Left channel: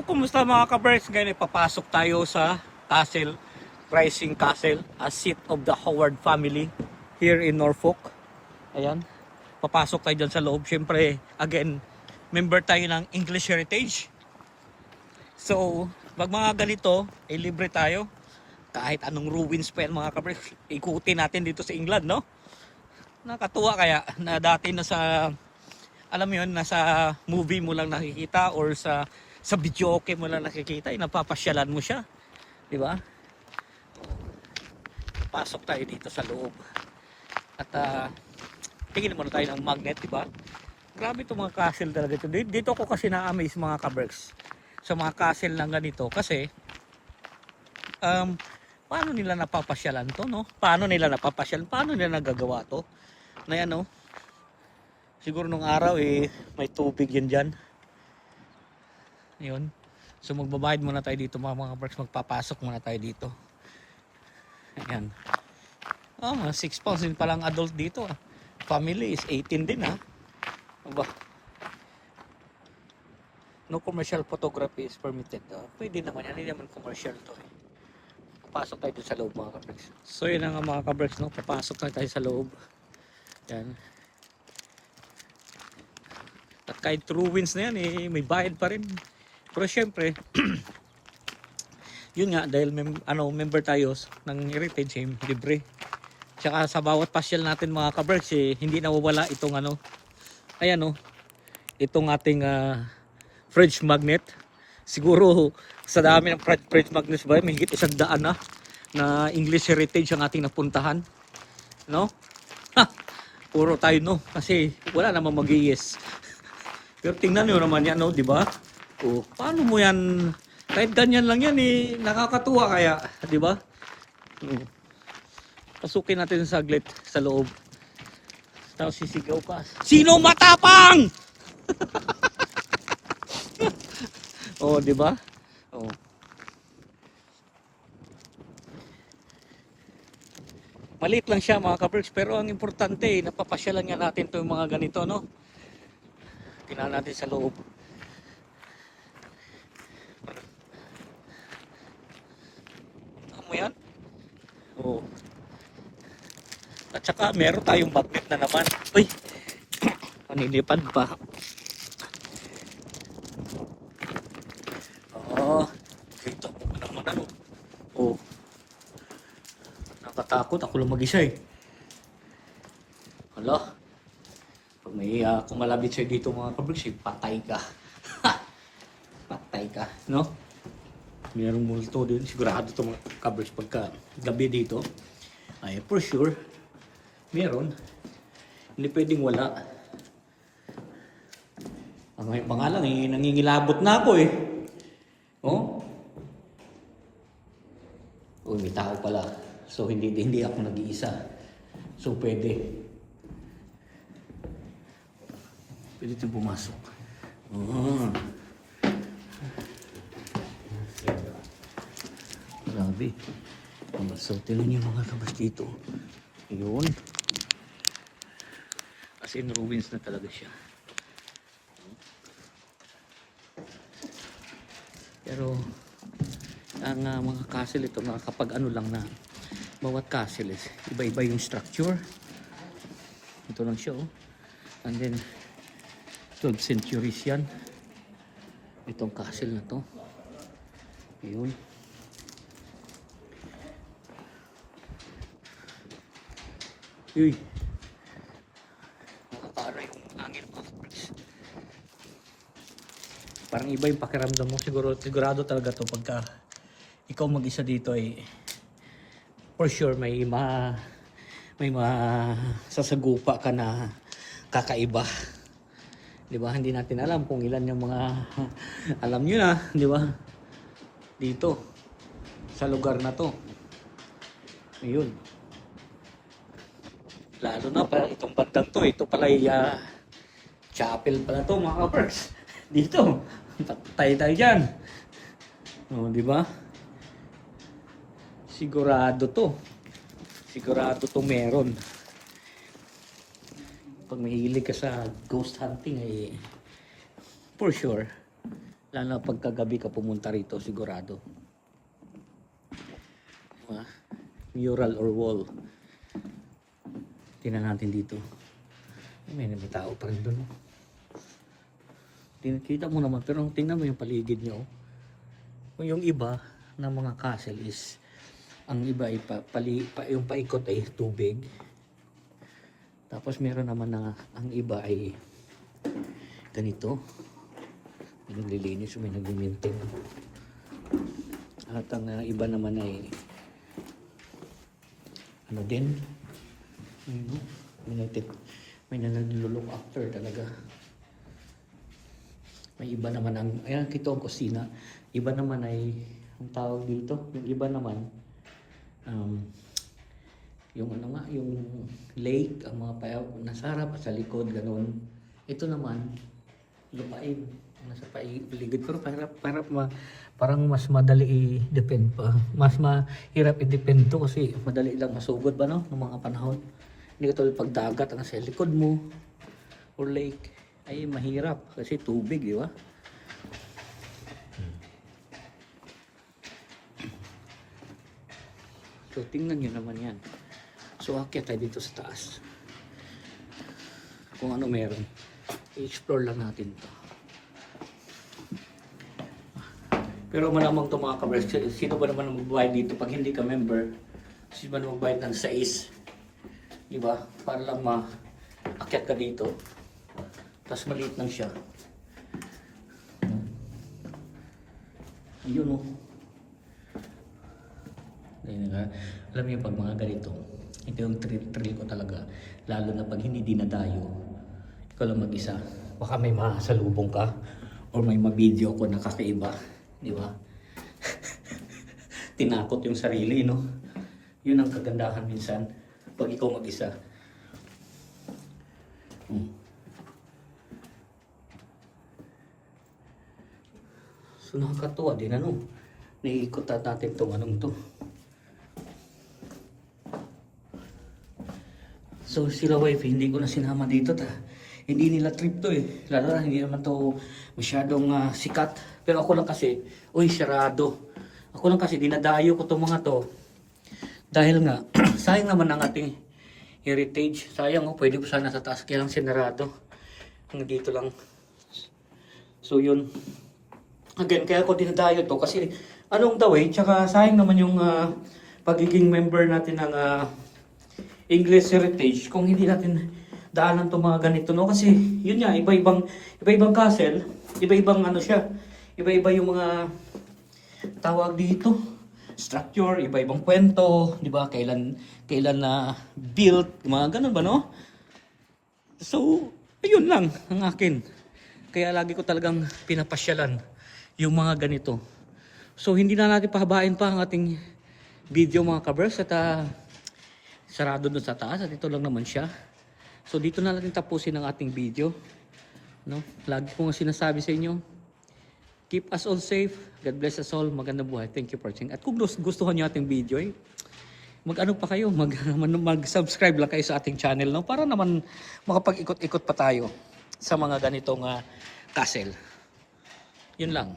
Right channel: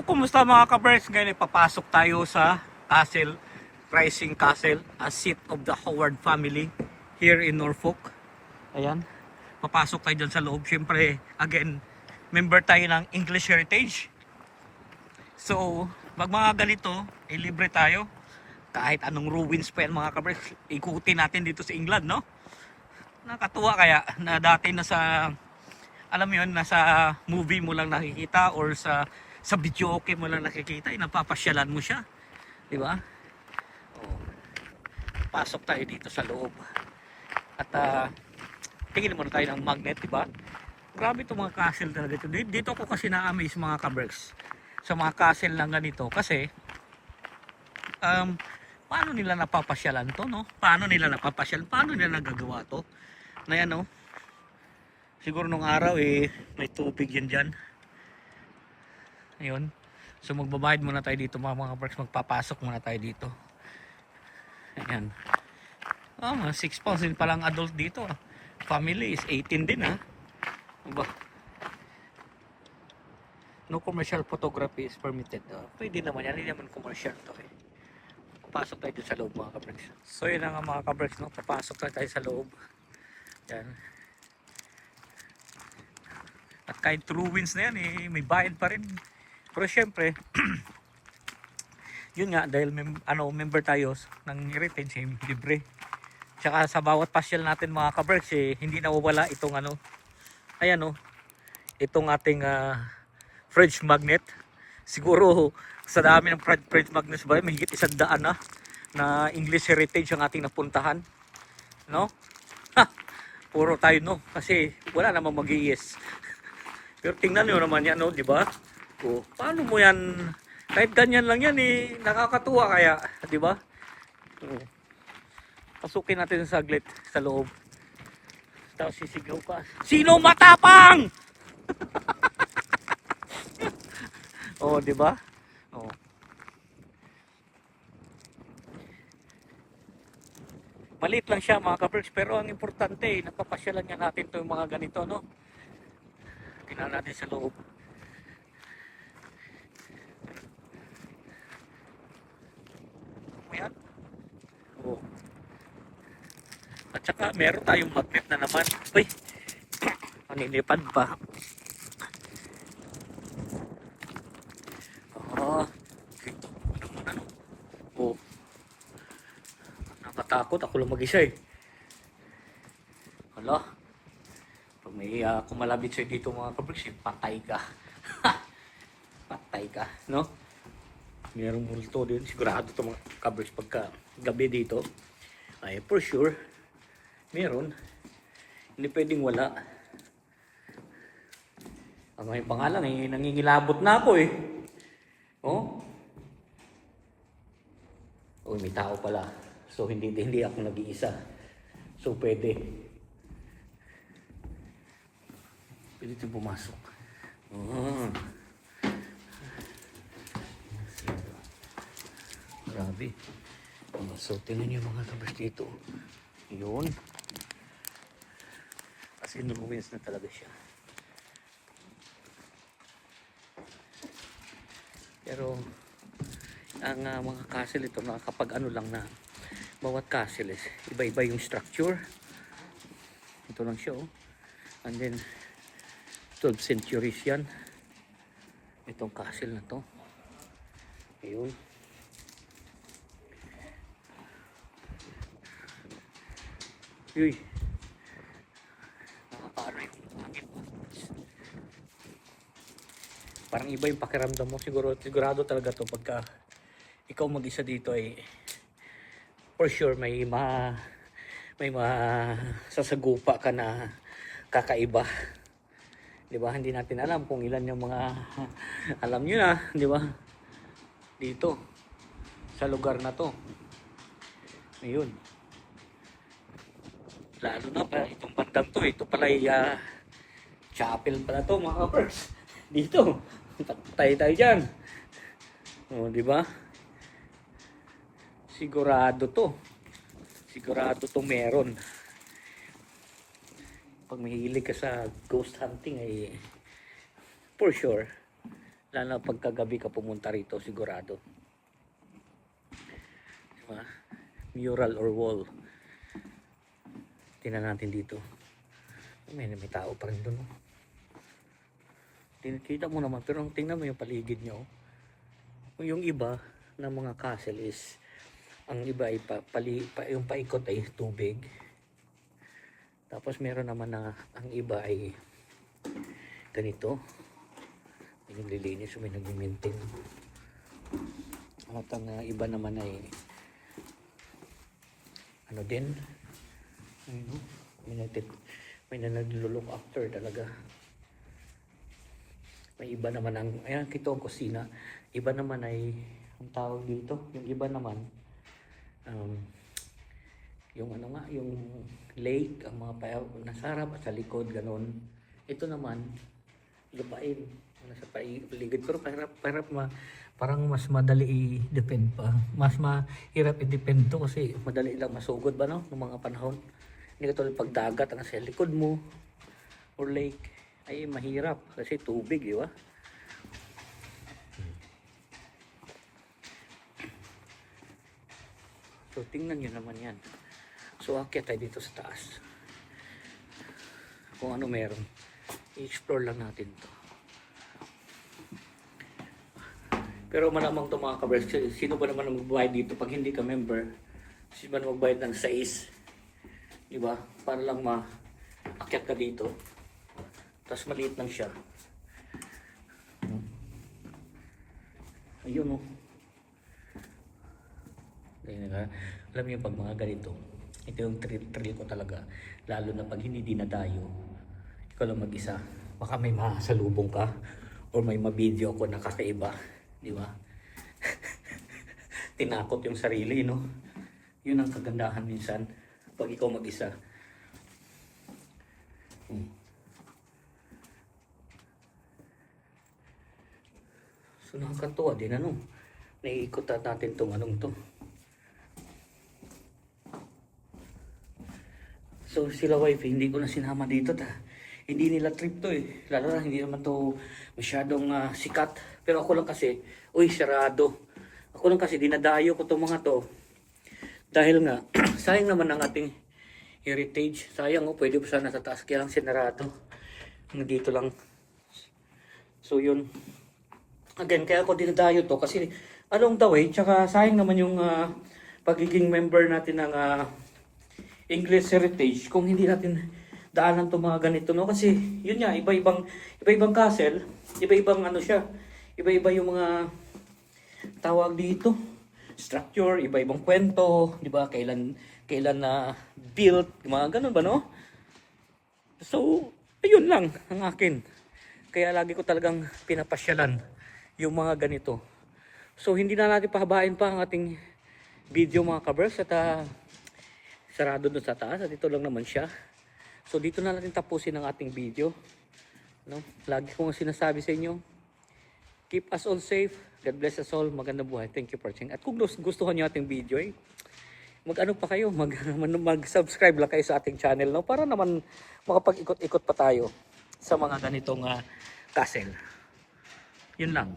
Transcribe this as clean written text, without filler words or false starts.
So, kumusta mga ka-birds? Ngayon papasok tayo sa Castle, Rising Castle, a seat of the Howard family here in Norfolk. Ayan, papasok tayo dyan sa loob. Siyempre, again, member tayo ng English Heritage. So, pag mga ganito, libre tayo. Kahit anong ruins pa yan mga ka-birds, ikutin natin dito sa England, no? Nakatuwa kaya na dati na sa, alam mo yun, nasa movie mo lang nakikita or sa video okay mo lang nakikita, napapasyalan mo siya, di ba? Oh, pasok tayo dito sa loob. At tingin muna tayo ng magnet, di ba? Grabe itong mga castle talaga ito. Dito ako kasi na-amaze mga ka-berks sa mga castle ng ganito kasi paano nila napapasyalan to, no? Paano nila napapasyalan? Paano nila nagagawa to? Na yan, no? Siguro nung araw may tubig yun dyan. Ayun. So magbabayad muna tayo dito mga ka-berks. Magpapasok muna tayo dito. Ayan. Mga 6 pounds din palang adult dito. Family is 18 din Aba. No commercial photography is permitted. Pwede naman yan. Hindi naman commercial to Papasok tayo dito sa loob mga ka-berks. So yun nga mga ka-berks, no? Papasok tayo sa loob. Yan. At kahit ruins na yan may bayad pa rin. Pero syempre yun nga dahil member tayo ng heritage libre. Tsaka sa bawat pasyal natin mga ka-berks hindi nawawala itong ayan itong ating fridge magnet. Siguro sa dami ng fridge magnets ba may higit 100 na English heritage ang ating napuntahan, no? Puro tayo no kasi wala namang mag-yes. Pero tingnan niyo naman yan, no, di ba? Paano mo yan? Kahit ganyan lang yan nakakatuwa kaya, di ba? Pasukin natin saglit sa loob. Tapos sisigaw ka. Sino matapang? di ba? Maliit lang siya mga ka-berks, pero ang importante napapasyalan nga natin 'tong mga ganito, no? Tingnan natin sa loob. Mo yan? At saka meron tayong magnet na naman. Uy! Panilipad pa. Ito. Ano. Nakatakot. Ako lang mag-isa Hala. Pag may kumalabit sa'yo dito mga ka-berks, patay ka. Patay ka. No? Mayroong multo din. Sigurado ito mga ka-berks pagka gabi dito. Ay, for sure. Meron. Hindi pwedeng wala. Ang mga lang nangingilabot na ako may tao pala. So hindi ako nag-iisa. So pwede ito pumasok. Grabe. So tingnan niyo mga kabas dito. Yun. As in ruins na talaga siya. Pero ang mga castle ito kapag lang na bawat castle iba-iba yung structure. Ito lang siya and then 12th centuries yan itong castle na to. Yun. Uy. Nakakara yung angin mo. Parang iba yung pakiramdam mo. Sigurado talaga to pagka ikaw mag-isa dito for sure may sasagupa ka na kakaiba. Di ba? Hindi natin alam kung ilan yung mga alam nyo na, di ba? Dito sa lugar na to. Ayun. Lalo na pala itong bandang to. Ito pala chapel pala to mga kapers. Dito. Tayo dyan. Di ba? Sigurado to meron. Pag mahilig ka sa ghost hunting for sure Lalo na pagkagabi ka pumunta rito, sigurado. Diba? Mural or wall. Tingnan natin dito. May tao pa rin doon. Oh. Kita mo naman, pero tingnan mo yung paligid niya. Oh. Yung iba ng mga castle is, ang iba ay yung paikot ay tubig. Tapos meron naman na ang iba ay ganito. May naglilinis, may nag-maintain. At ang iba naman ay ano din, may nalulok after talaga. May iba naman ang, ayan, kito ang kusina. Iba naman ay, ang tawag dito, yung iba naman, yung ano nga, yung lake, ang mga nasa harap, sa likod, ganun. Ito naman, lupain, nasa paligid. Pero parang mas madali i-depend pa. Mas mahirap i-depend to kasi madali lang masugod ba no, ng mga panahon. Hindi ka tulad pag dagat ang sa likod mo or lake, ay mahirap kasi tubig, di ba? So tingnan nyo naman yan. So akyat tayo dito sa taas. Kung ano meron. I-explore lang natin to. Pero malamang ito mga kabers, sino ba naman ang magbayad dito pag hindi ka member? Sino ba naman magbayad ng 6? Diba? Para lang ma-akyat ka dito. Tapos maliit lang siya. Ayun o. Alam mo yung pag mga ganito, ito yung thrill ko talaga. Lalo na pag hindi dinadayo, ikaw lang mag-isa. Baka may masalubong ka or may mabideo ko na kakaiba. Di ba? Tinakot yung sarili, no? Yun ang kagandahan minsan pag ikaw mag-isa. So nakakatuwa din ano. Naiikot natin itong anong to. So sila wife, hindi ko na sinama dito hindi nila trip to eh. Lalo na hindi naman to masyadong sikat. Pero ako lang kasi, uy, sarado. Ako lang kasi, dinadayo ko itong mga to. Dahil nga, sayang naman ang ating heritage. Sayang pwede po sana sa taas. Kaya ang sinarado. Hanggang dito lang. So yun. Again, kaya ako dinadayo to kasi along the way, tsaka sayang naman yung pagiging member natin ng English Heritage kung hindi natin daanan itong mga ganito, no? Kasi yun nga, iba-ibang castle, iba-ibang ano siya, iba-iba yung mga tawag dito, structure, iba-ibang kwento, di ba? Kailan na built, mga ganun ba, no? So, ayun lang ang akin. Kaya lagi ko talagang pinapasyalan yung mga ganito. So, hindi na natin pahabain pa ang ating video mga kabers at sarado doon sa taas at ito lang naman siya. So dito na natin tapusin ang ating video. No? Lagi kong sinasabi sa inyo, keep us all safe, God bless us all, magandang buhay. Thank you for watching. At kung gustuhan niyo ating video, mag-ano pa kayo, mag-subscribe lang kayo sa ating channel, no? Para naman makapag-ikot-ikot pa tayo sa mga ganitong castle. Yun lang.